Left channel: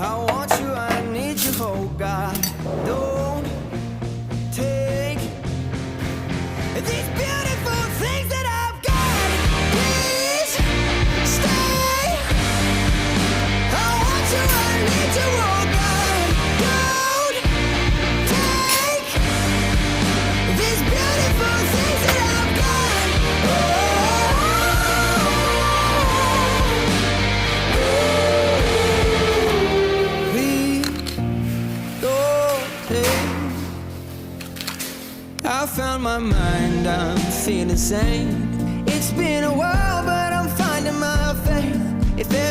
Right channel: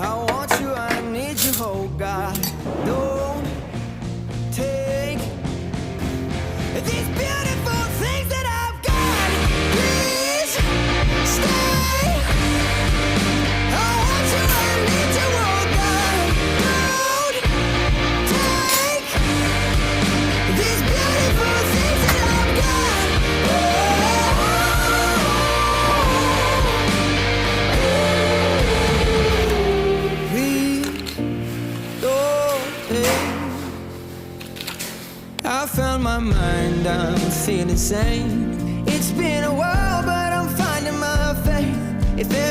I want you, I need you, oh God. Don't take these beautiful things that I've got. Please stay. I want you, I need you, oh God. Don't take these beautiful things that I've got. Please don't take. I found my mind, I'm feeling sane. It's been a while, but I'm finding my faith. If everything